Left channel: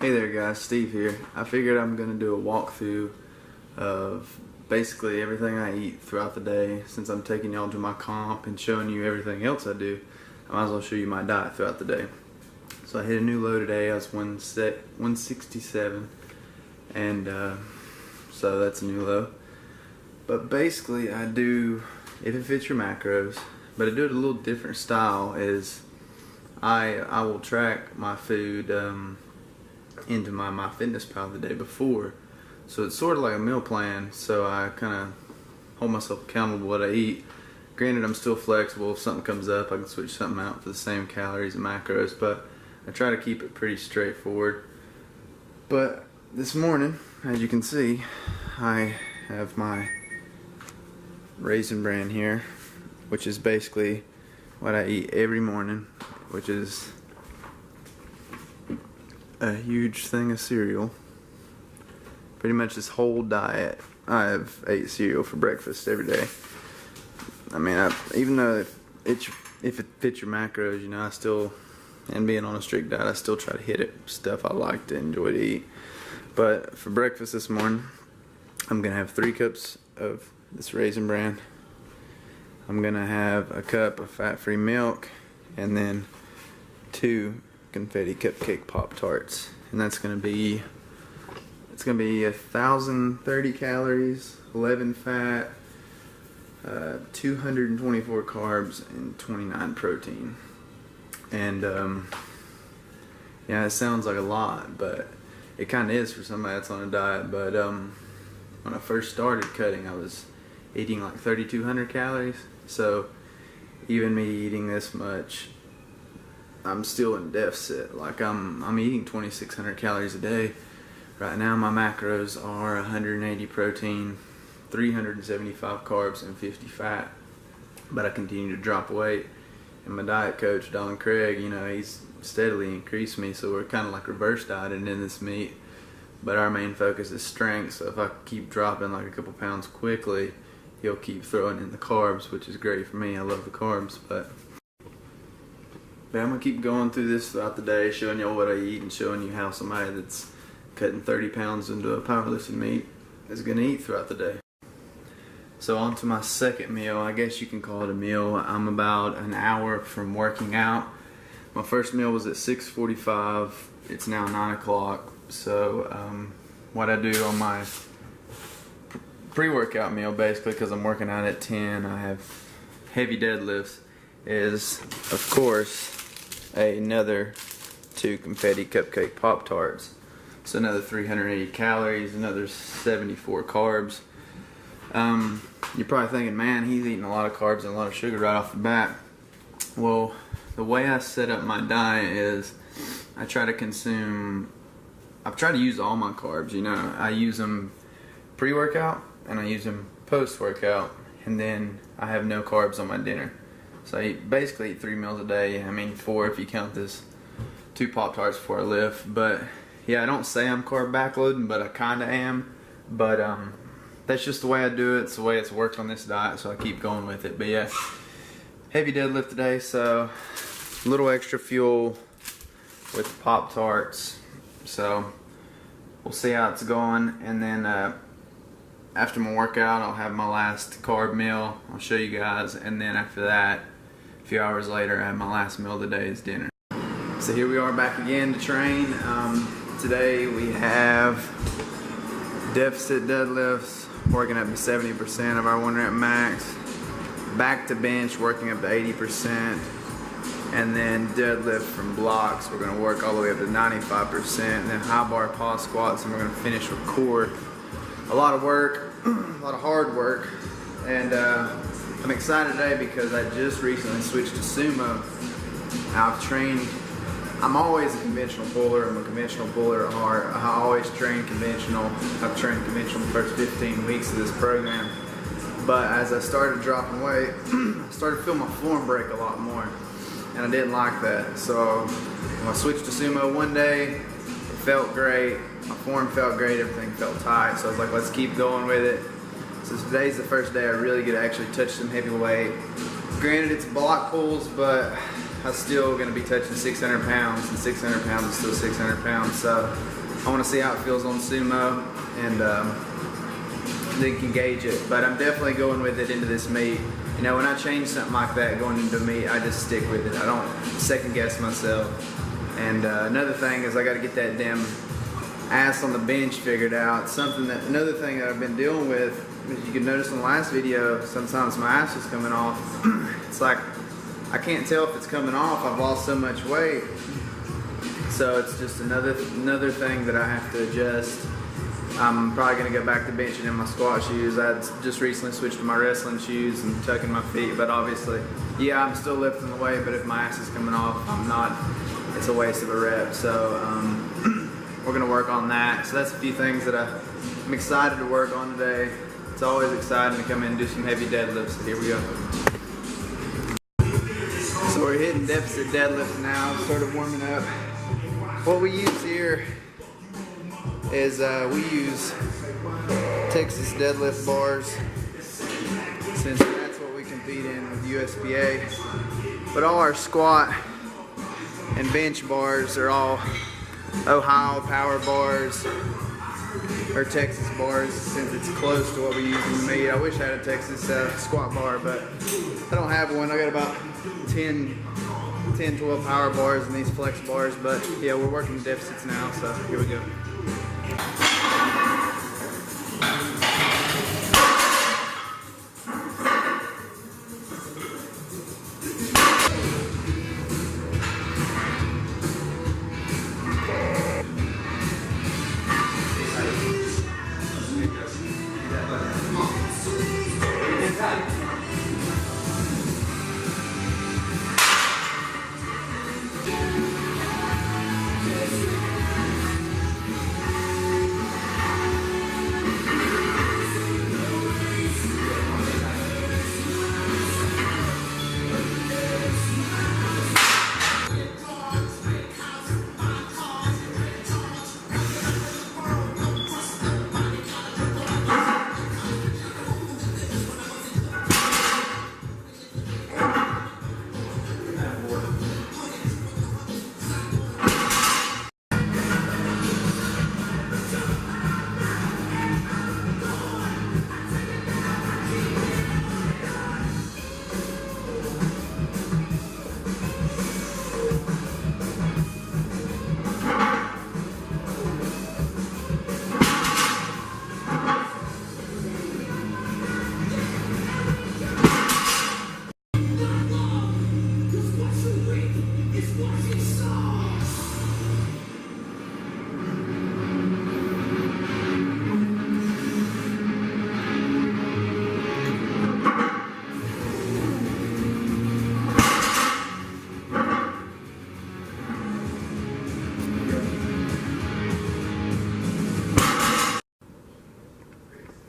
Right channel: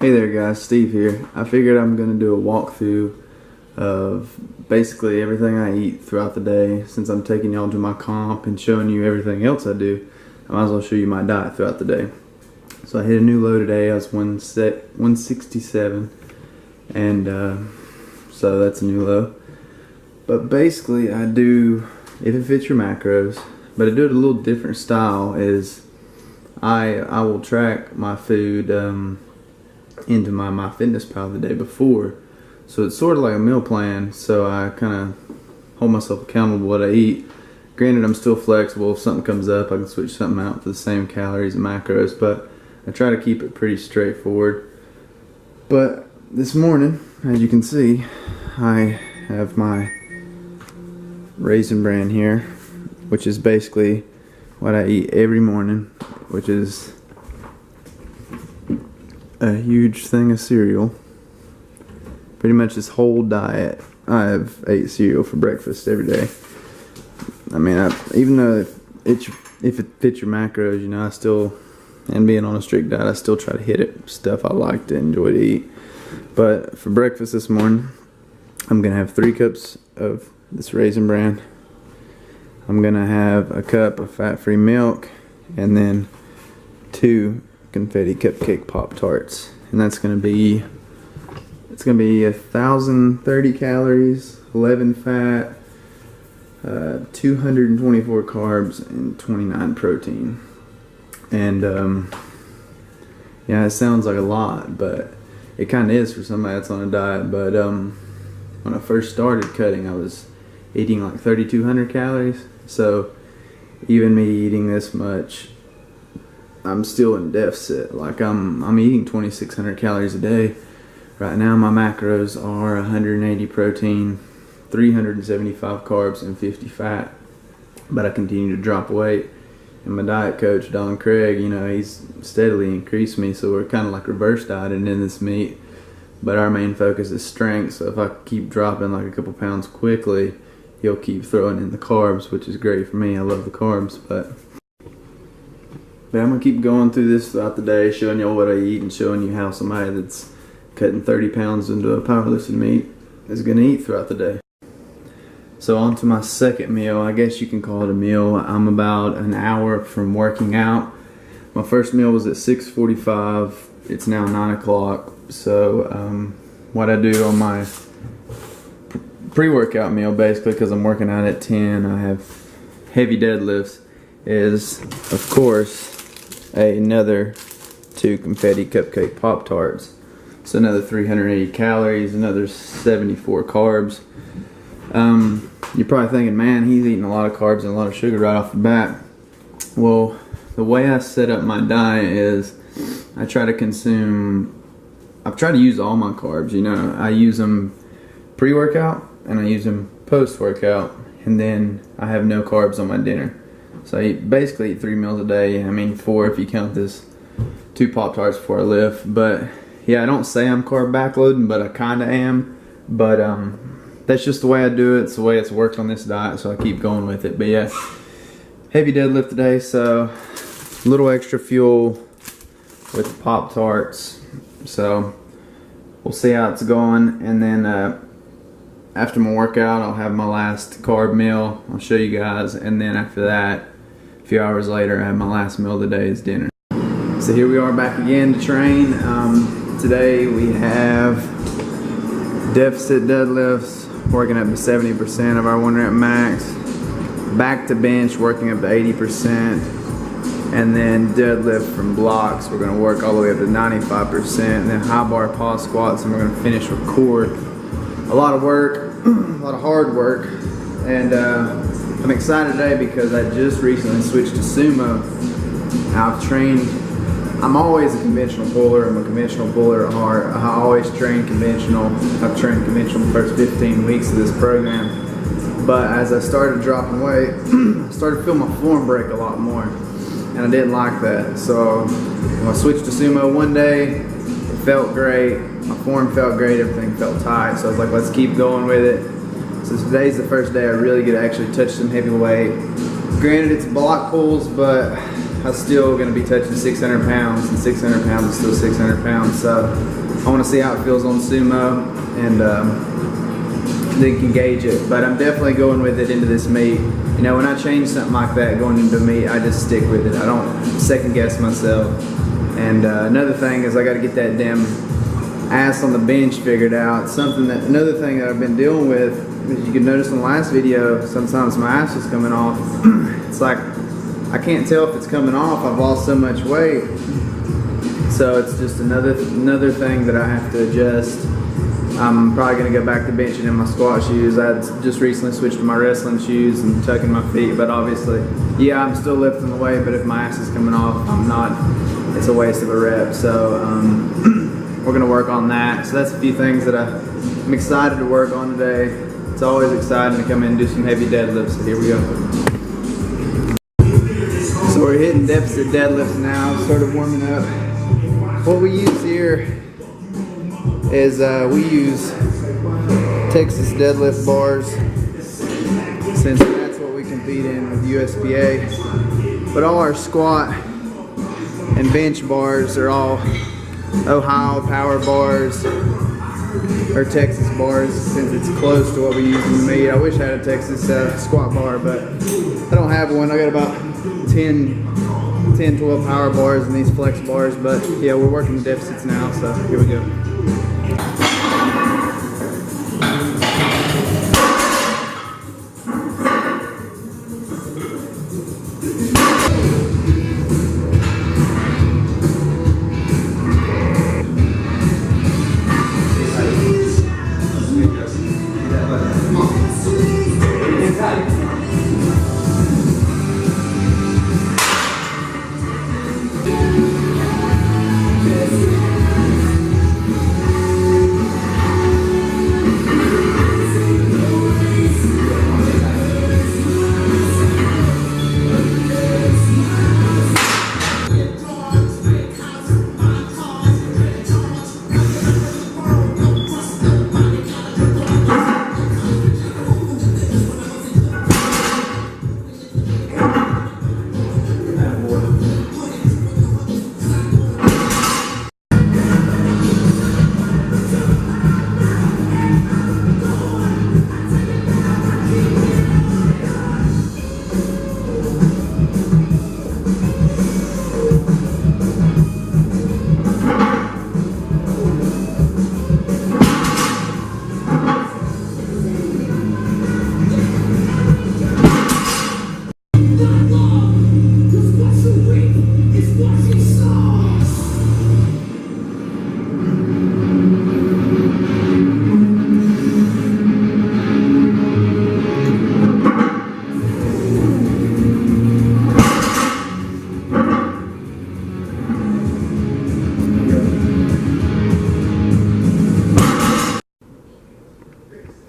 Hey there guys, Steve here. I figured I'm going to do a walkthrough of basically everything I eat throughout the day. Since I'm taking y'all to my comp and showing you everything else I do, I might as well show you my diet throughout the day. So I hit a new low today. I was 167 and so that's a new low. But basically I do, if it fits your macros, but I do it a little different style, is I will track my food into my MyFitnessPal the day before, so it's sort of like a meal plan. So I kind of hold myself accountable to what I eat. Granted, I'm still flexible. If something comes up, I can switch something out for the same calories and macros, but I try to keep it pretty straightforward. But this morning, as you can see, I have my Raisin Bran here, which is basically what I eat every morning, which is a huge thing of cereal. Pretty much this whole diet, I've ate cereal for breakfast every day. I mean, even though if it fits your macros, you know, I still, and being on a strict diet, I still try to hit it. Stuff I like to enjoy to eat. But for breakfast this morning, I'm gonna have 3 cups of this Raisin Bran. I'm gonna have a cup of fat-free milk, and then 2 confetti cupcake Pop-Tarts, and that's gonna be, it's gonna be 1,030 calories, 11 fat, 224 carbs, and 29 protein. And yeah, it sounds like a lot, but it kind of is for somebody that's on a diet. But when I first started cutting, I was eating like 3,200 calories. So even me eating this much, I'm still in deficit. Like I'm eating 2,600 calories a day. Right now my macros are 180 protein, 375 carbs, and 50 fat. But I continue to drop weight. And my diet coach, Don Craig, you know, he's steadily increased me. So we're kind of like reverse dieting in this meet. But our main focus is strength. So if I keep dropping like a couple pounds quickly, he'll keep throwing in the carbs, which is great for me. I love the carbs. But I'm going to keep going through this throughout the day, showing y'all what I eat and showing you how somebody that's cutting 30 pounds into a powerlifting meet is going to eat throughout the day. So on to my second meal. I guess you can call it a meal. I'm about an hour from working out. My first meal was at 6:45. It's now 9 o'clock. So what I do on my pre-workout meal, basically, because I'm working out at 10, I have heavy deadlifts, is of course another 2 confetti cupcake Pop-Tarts. So another 380 calories, another 74 carbs. You're probably thinking, man, he's eating a lot of carbs and a lot of sugar right off the bat. Well, the way I set up my diet is I try to use all my carbs. You know, I use them pre-workout and I use them post-workout, and then I have no carbs on my dinner. So I basically eat 3 meals a day. I mean 4 if you count this 2 Pop-Tarts before I lift. But yeah, I don't say I'm carb backloading, but I kinda am. But that's just the way I do it. It's the way it's worked on this diet, so I keep going with it. But yeah, heavy deadlift today, so a little extra fuel with the Pop-Tarts. So we'll see how it's going, and then after my workout, I'll have my last carb meal. I'll show you guys, and then after that, a few hours later, I have my last meal of the day is dinner. So here we are back again to train. Today we have deficit deadlifts, working up to 70% of our 1 rep max, back to bench, working up to 80%, and then deadlift from blocks, we're going to work all the way up to 95%, and then high bar pause squats, and we're going to finish with core. A lot of work, a lot of hard work, and I'm excited today because I just recently switched to sumo. I'm always a conventional puller. I'm a conventional puller at heart. I always train conventional. I've trained conventional the first 15 weeks of this program. But as I started dropping weight, I started feeling my form break a lot more. And I didn't like that. So when I switched to sumo one day, it felt great. My form felt great, everything felt tight. So I was like, let's keep going with it. So today's the first day I really get to actually touch some heavy weight. Granted, it's block pulls, but I'm still going to be touching 600 pounds, and 600 pounds is still 600 pounds. So I want to see how it feels on sumo, and then can gauge it. But I'm definitely going with it into this meet. You know, when I change something like that going into a meet, I just stick with it. I don't second guess myself. And another thing is I got to get that damn ass on the bench figured out. Another thing that I've been dealing with, as you can notice in the last video, sometimes my ass is coming off. It's like I can't tell if it's coming off. I've lost so much weight, so it's just another thing that I have to adjust. I'm probably gonna go back to benching in my squat shoes. I just recently switched to my wrestling shoes and tucking my feet, but obviously, yeah, I'm still lifting the weight, but if my ass is coming off, I'm not. It's a waste of a rep. So we're gonna work on that. So that's a few things that I'm excited to work on today. It's always exciting to come in and do some heavy deadlifts. So here we go. So we're hitting deficit deadlifts now, sort of warming up. What we use here is we use Texas deadlift bars, since that's what we compete in with USPA. But all our squat and bench bars are all Ohio power bars or Texas bars, since it's close to what we use in the meet. I wish I had a Texas squat bar, but I don't have one. I got about 10, 12 power bars and these flex bars, but yeah, we're working the deficits now, so here we go.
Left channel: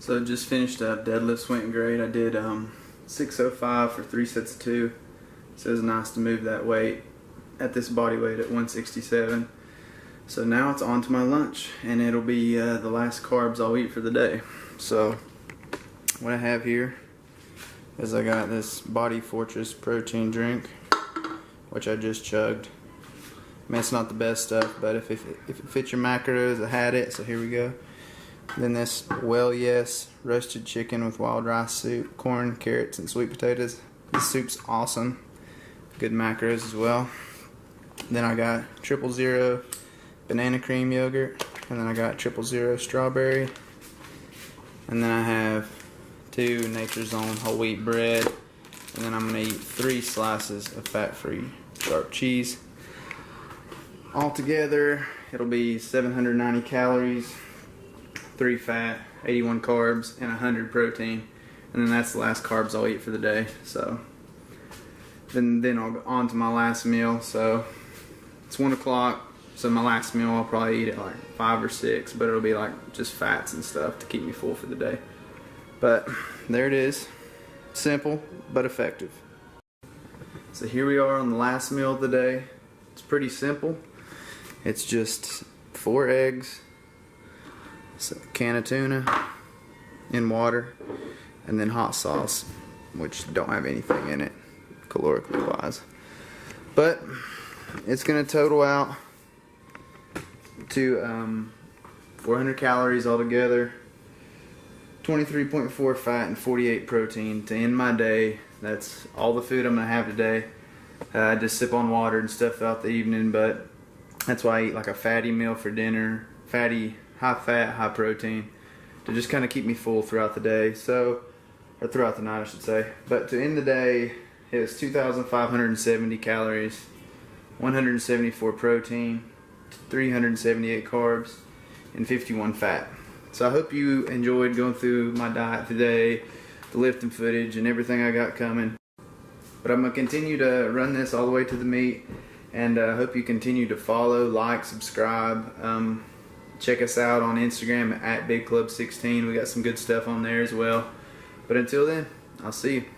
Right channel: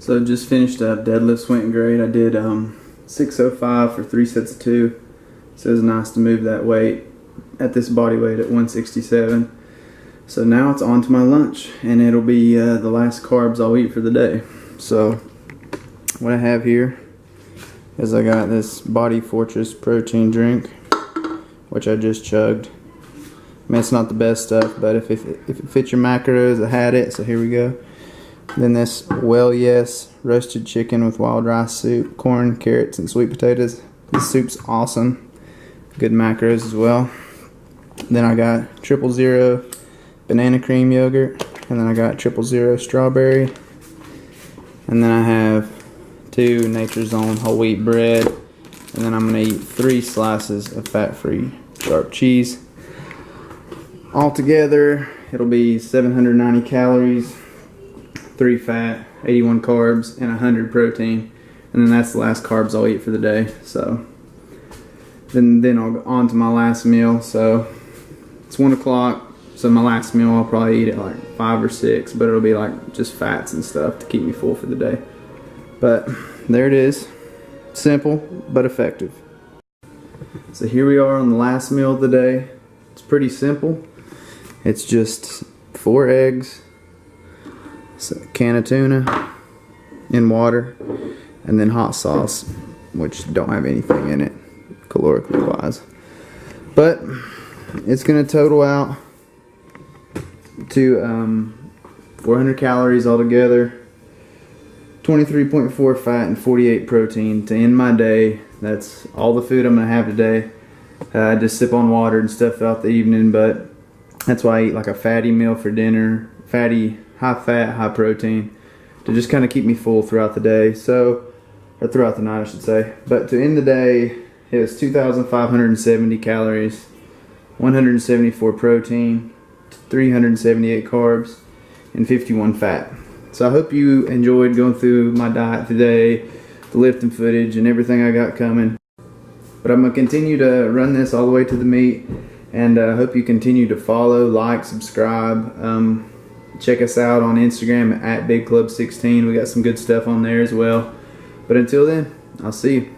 So just finished up, deadlifts went great. I did 605 for 3 sets of 2. So it was nice to move that weight at this body weight at 167. So now it's on to my lunch, and it'll be the last carbs I'll eat for the day. So what I have here is I got this Body Fortress protein drink, which I just chugged. I mean, it's not the best stuff, but if it fits your macros, I had it, so here we go. Then this Well Yes roasted chicken with wild rice soup, corn, carrots, and sweet potatoes. This soup's awesome. Good macros as well. Then I got 000 banana cream yogurt, and then I got 000 strawberry. And then I have 2 Nature's Own whole wheat bread. And then I'm gonna eat 3 slices of fat-free sharp cheese. Altogether, it'll be 790 calories. 3 fat, 81 carbs, and 100 protein, and then that's the last carbs I'll eat for the day. So then I'll go on to my last meal. So it's 1 o'clock, so my last meal I'll probably eat at like 5 or 6, but it'll be like just fats and stuff to keep me full for the day. But there it is, simple but effective. So here we are on the last meal of the day. It's pretty simple. It's just 4 eggs, a can of tuna in water, and then hot sauce, which don't have anything in it calorically wise. But it's gonna total out to 400 calories altogether, 23.4 fat and 48 protein to end my day. That's all the food I'm gonna have today. I just sip on water and stuff throughout the evening, but that's why I eat like a fatty meal for dinner, fatty, high fat, high protein, to just kind of keep me full throughout the day. So, or throughout the night I should say. But to end the day, it was 2,570 calories, 174 protein, 378 carbs, and 51 fat. So I hope you enjoyed going through my diet today, the lifting footage and everything I got coming. But I'm going to continue to run this all the way to the meet, and I hope you continue to follow, like, subscribe. Check us out on Instagram at BigClub16. We got some good stuff on there as well. But until then, I'll see you.